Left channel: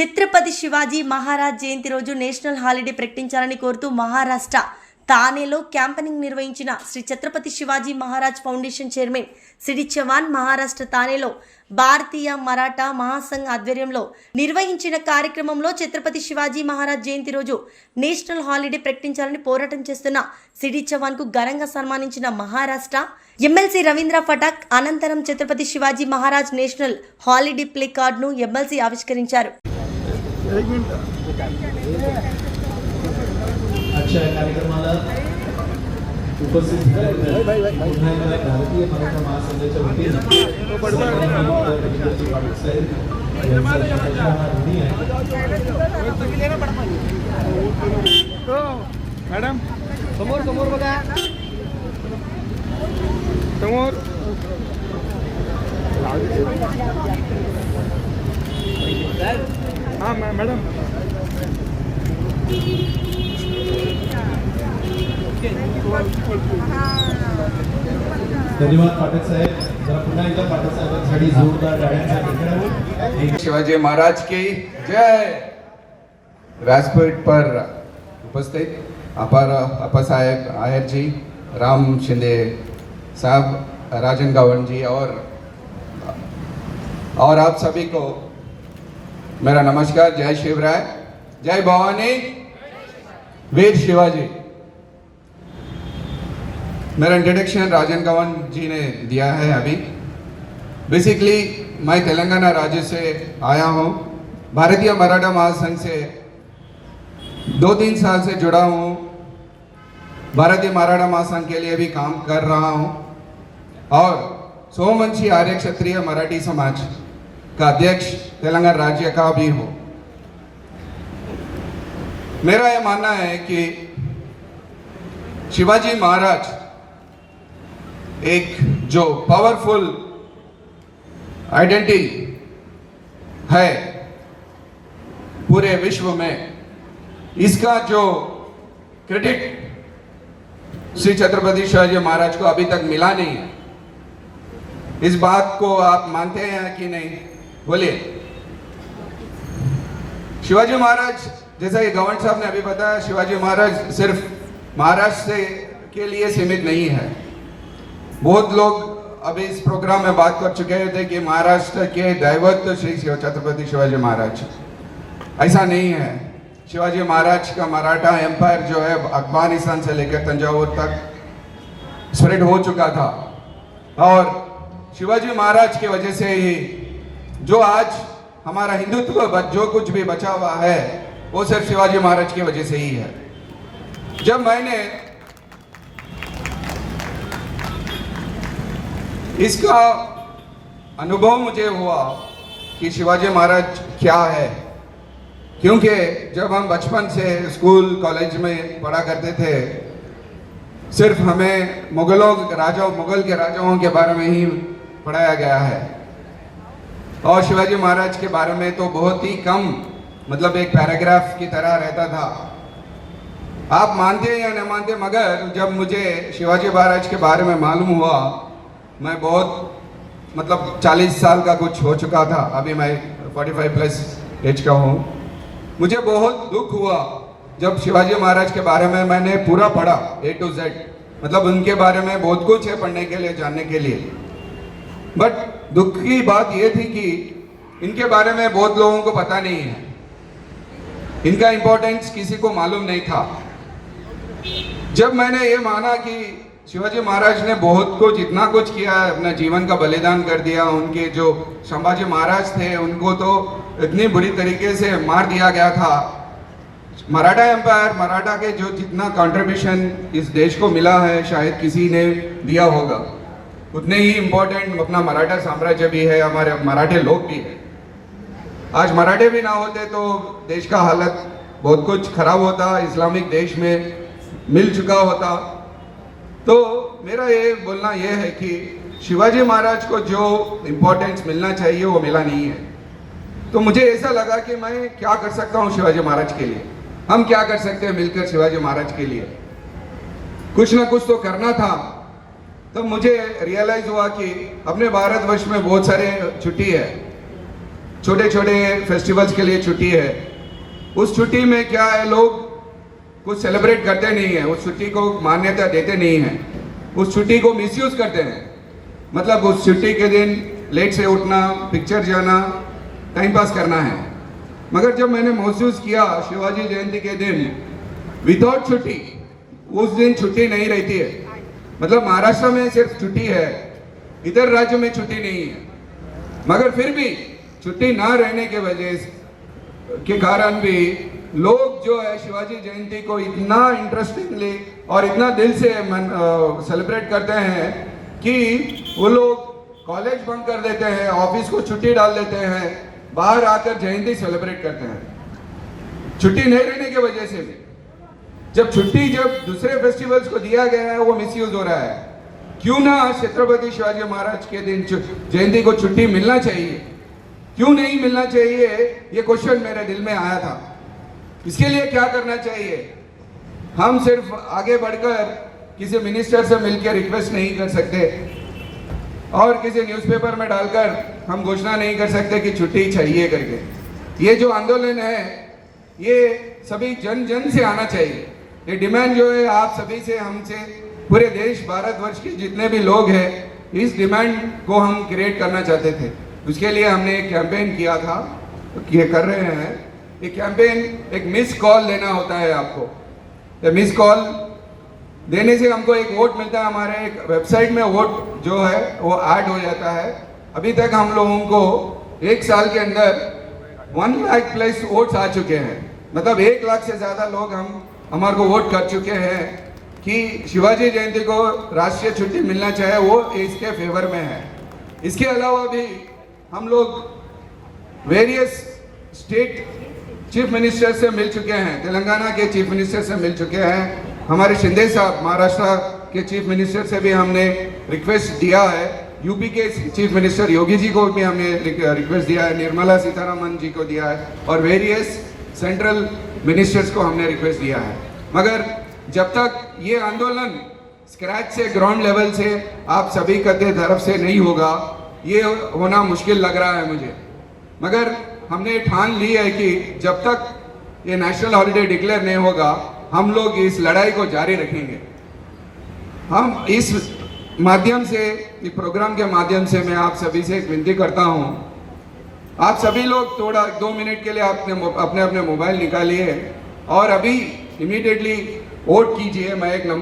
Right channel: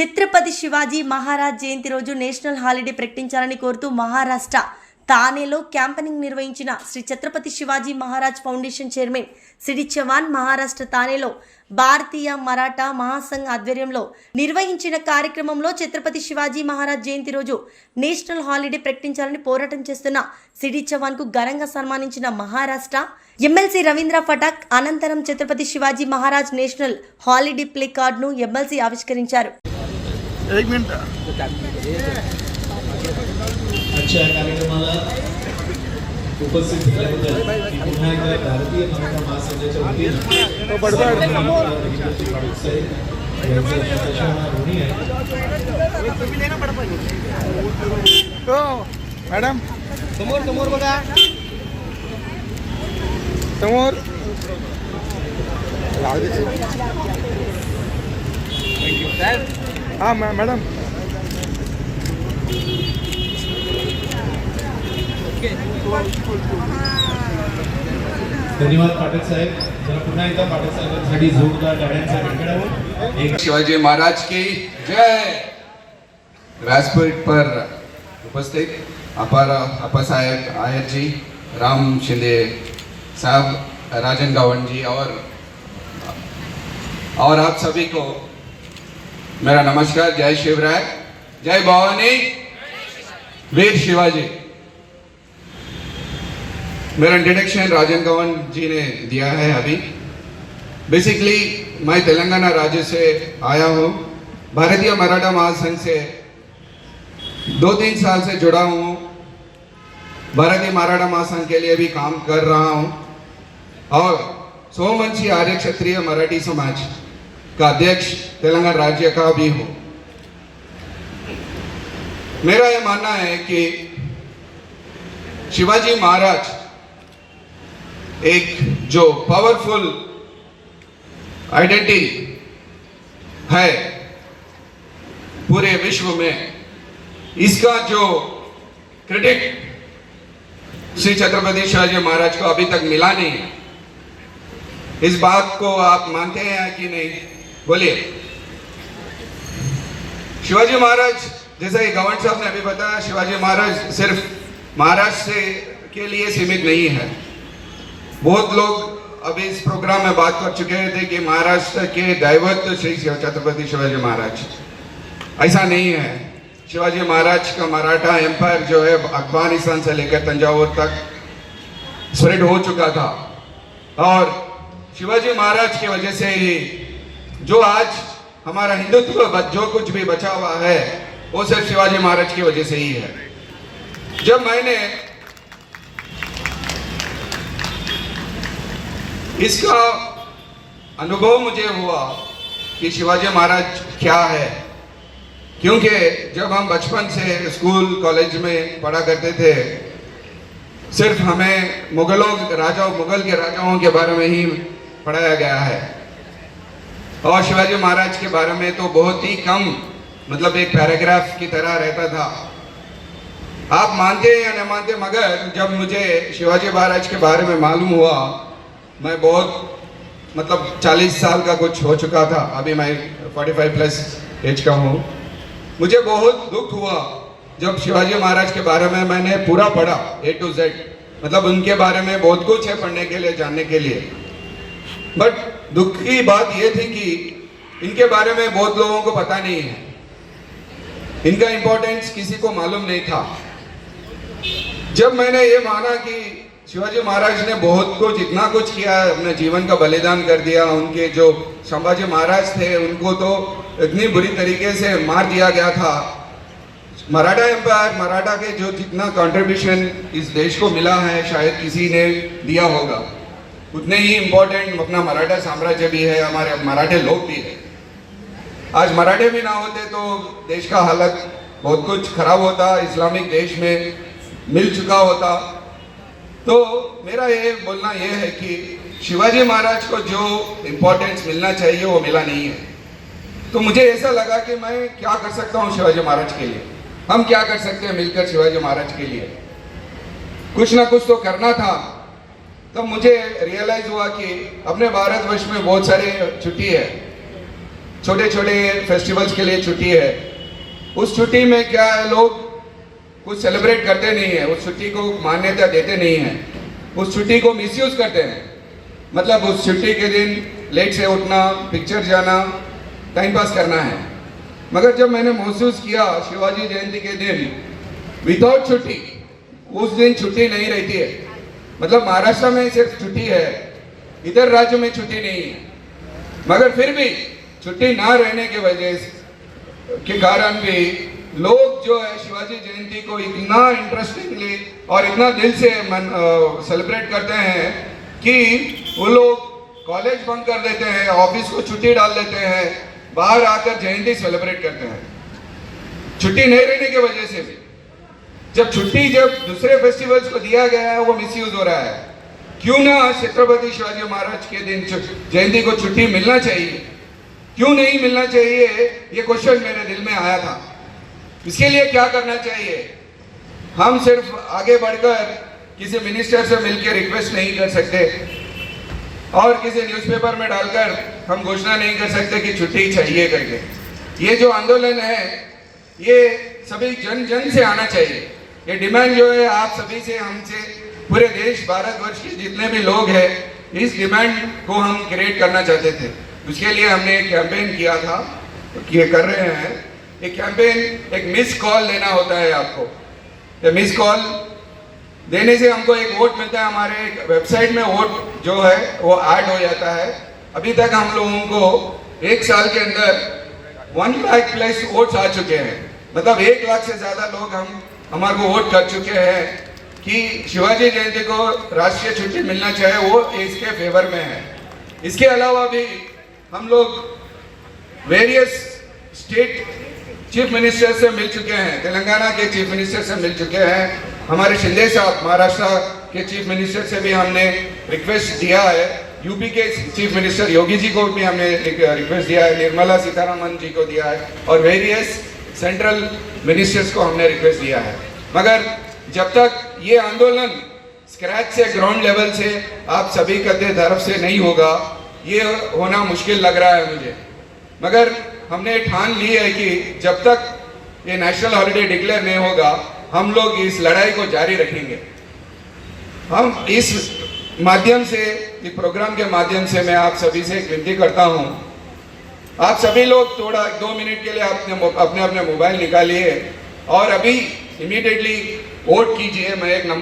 ఛత్రపతి శివాజీ మహారాజ్ జయంతి రోజు national holiday ప్రకటించాలని కోరుతూ మహారాష్ట్ర తానేలో క్యాంపెయినింగ్ నిర్వహించిన Shri Chhatrapati Shivaji Maharaj foundation chairman C D Chavan Maharashtra తానేలో భారతీయ మరాఠా మహాసంఘ్ ఆధ్వర్యంలో నిర్వహించిన కార్యక్రమంలో ఛత్రపతి శివాజీ మహారాజ్ జయంతి రోజు నేషనల్ హాలిడే ప్రకటించాలని పోరాటం చేస్తున్న సిడి చవాన్ కు ఘనంగా సన్మానించిన మహారాష్ట్ర ఎమ్మెల్సీ రవీంద్ర ఫటాక్ అనంతరం Chhatrapati Shivaji Maharaj national holiday play కార్డును ఎమ్మెల్సీ ఆవిష్కరించారు. एक मिनट अच्छा कार्यक्रमाला उपस्थित भारतीय मराठा महासंघाच्या वतीने मॅडम समोर समोर बघा समोर हाँ मैडम धन्यवाद पाठक साहेब. जरा पुन्हा एकदा पाठक साहेबांसाठी जोरदार टाळ्यांचा गडगडाट. शिवाजी महाराज की जय. व्यासपीठ पर उपस्थित अपा साहेब आयर जी, राम शिंदे साहब, राजन गावन जी और आप सभी को मेरा नमस्कार. जय शिवराय, जय भवानी, वीर शिवाजी. मेरा इंट्रोडक्शन राजन गावन जी ने दिया है अभी. बेसिकली मैं तेलंगाना राज्य से आया हूँ. भारतीय मराठा महासंघ से 2-3 साल से जुड़ा हूँ. भारतीय मराठा महासंघ के लिए भी काम कर रहा हूँ और सोमवंशी आर्य क्षत्रिय मराठी समाज का अध्यक्ष तेलंगाना राज्य का भी हूं. मेरा यह मानना है कि शिवाजी महाराज एक जो पावरफुल आइडेंटिटी है पूरे विश्व में, इसका जो क्रेडिट श्री छत्रपति शिवाजी महाराज को अभी तक मिला नहीं है. इस बात को आप मानते हैं कि नहीं? बोलिए. शिवाजी महाराज, जैसा कि गवर्नर साहब ने अभी बताया, शिवाजी महाराज सिर्फ महाराष्ट्र से के लिए सीमित नहीं है. बहुत लोग अभी इस प्रोग्राम में बात कर चुके थे कि महाराष्ट्र के दैवत श्री छत्रपति शिवाजी महाराज. ऐसा नहीं है. शिवाजी महाराज का मराठा एम्पायर जो है अफगानिस्तान से लेकर तंजावुर तक स्प्रेड हो चुका था और शिवाजी महाराज की वजह से ही जो आज हमारा हिंदुत्व जो कुछ भी बचा हुआ है वो सिर्फ शिवाजी महाराज की वजह से ही है. जब मैंने इसका अनुभव मुझे हुआ कि शिवाजी महाराज क्या है, क्योंकि जब हम बचपन से स्कूल कॉलेज में पढ़ा करते थे सिर्फ हमें मुगल के राजाओं के बारे में ही पढ़ाया गया है और शिवाजी महाराज के बारे में तो बहुत ही कम, मतलब एक पैराग्राफ की तरह रहता था. आप मानते हैं या न मानते, मगर जब मुझे शिवाजी महाराज के बारे में मालूम हुआ, मैं बहुत मतलब 40 साल का कुछ हो चुका था. अभी मैं 45 प्लस एज का हूँ. मुझे बहुत दुख हुआ जब शिवाजी महाराज के बारे में मैंने पूरा पढ़ा A to Z. मतलब उनके बारे में बहुत कुछ है पढ़ने के लिए, जानने के लिए. बट दुख की बात यह थी कि इनके बारे में बहुत लोगों को पता नहीं है. इनका इंपॉर्टेंस किसी को मालूम नहीं था. जब मैंने ये माना कि शिवाजी महाराज ने बहुत कुछ, इतना कुछ किया, अपना जीवन का बलिदान कर दिया. उनके जो संभाजी महाराज थे उनको तो इतनी बुरी तरीके से मार दिया गया था. मराठा एम्पायर, मराठा के जो जितना कंट्रीब्यूशन इस देश को मिला है शायद किसी ने दिया होगा, उतने ही इम्पोर्टेंट अपना मराठा साम्राज्य भी है, हमारे मराठे लोग भी है. आज मराठे भी ना होते तो देश का हालत बहुत कुछ खराब होता, इस्लामिक देश में मिल चुका होता. तो मेरा ये बोलना ये है कि शिवाजी महाराज को जो इम्पोर्टेंस मिलना चाहिए वो मिला नहीं है. तो मुझे ऐसा लगा कि मैं क्या कर सकता हूँ शिवाजी महाराज के लिए, हम क्या कर सकते हैं मिलकर शिवाजी महाराज के लिए. कुछ ना कुछ तो करना था. तब मुझे रियलाइज हुआ कि अपने भारतवर्ष में बहुत सारे छुट्टी है छोटे छोटे फेस्टिवल्स के लिए छुट्टी है, उस छुट्टी में क्या है, लोग कुछ सेलिब्रेट करते नहीं है, उस छुट्टी को मान्यता देते नहीं है, उस छुट्टी को मिसयूज करते हैं। मतलब उस छुट्टी के दिन लेट से उठना, पिक्चर जाना, टाइम पास करना है। मगर जब मैंने महसूस किया शिवाजी जयंती के दिन विदाउट छुट्टी, उस दिन छुट्टी नहीं रहती है। मतलब महाराष्ट्र में सिर्फ छुट्टी है, इधर राज्य में छुट्टी नहीं है। मगर फिर भी छुट्टी ना रहने की वजह के कारण भी लोग जो है शिवाजी जयंती को इतना इंटरेस्टिंगली और इतना दिल से सेलिब्रेट करते हैं कि वो लोग कॉलेज बंद कर देते हैं, ऑफिस को छुट्टी डाल देते हैं, बाहर आकर जयंती सेलिब्रेट करते हैं। छुट्टी नहीं रहने की वजह से भी जब दूसरे फेस्टिवल्स को दिया गया है वो मिसयूज हो रहा है। क्यों ना छत्रपति शिवाजी महाराज के दिन जयंती को छुट्टी मिलना चाहिए, क्यों नहीं मिलना चाहिए, ये क्वेश्चन मेरे दिल में आया था। इसके लिए क्या करना चाहिए? हम सिर्फ आगे बढ़कर किसी मिनिस्टर से मिलकर रिक्वेस्ट नहीं कर सकते और किसी न्यूज़पेपर में डालकर हम घोषणा नहीं कर सकते कि छुट्टी चाहिए करके। ये जो आंदोलन है ये सभी जन जन से आना चाहिए। ये डिमांड जो है आप सभी से, हमसे, पूरे देश भारतवर्ष के जितने भी लोग हैं, इस डिमांड को हम क्रिएट करना चाहते थे। उसके लिए हमने एक कैंपेन किया था, ये कर रहे हैं। एक कैंपेन, एक मिस कॉल लेना होता है आपको। ये मिस कॉल देने से हमको एक वोट मिलता है। हमारे एक वेबसाइट में वोट जो है वो ऐड हो जाता है। अभी तक हम लोगों को 1 साल के अंदर 1 लाख प्लस वोट्स आ चुके हैं। मतलब 1 लाख से ज़्यादा लोग हमारे को वोट कर चुके हैं कि शिवाजी जयंती को राष्ट्रीय छुट्टी मिलना चाहिए, वो इसके फेवर में है। इसके अलावा भी हम लोग वेरियस स्टेट चीफ मिनिस्टर से मिल चुके हैं, तेलंगाना के चीफ मिनिस्टर से मिल चुके हैं, हमारे शिंदे साहब महाराष्ट्र के चीफ मिनिस्टर से भी हमने रिक्वेस्ट दिया है, यूपी के चीफ मिनिस्टर योगी जी को भी हमने रिक्वेस्ट दिया है, निर्मला सीतारमण जी को दिया है और वेरियस सेंट्रल मिनिस्टर्स को हमने रिक्वेस्ट दिया है। मगर जब तक ये आंदोलन स्क्रैच से, ग्राउंड लेवल से आप सभी के तरफ से नहीं होगा, ये होना मुश्किल लग रहा है मुझे। मगर हमने ठान ली है कि जब तक ये नेशनल हॉलिडे डिक्लेयर नहीं होगा, हम लोग इस लड़ाई को जारी रखेंगे। हम इस माध्यम से, इस प्रोग्राम के माध्यम से मैं आप सभी से एक विनती करता हूँ, आप सभी लोग थोड़ा 2 मिनट के लिए अपने मोबाइल निकालिए और अभी इमीडिएटली वोट कीजिए। मैं एक नंबर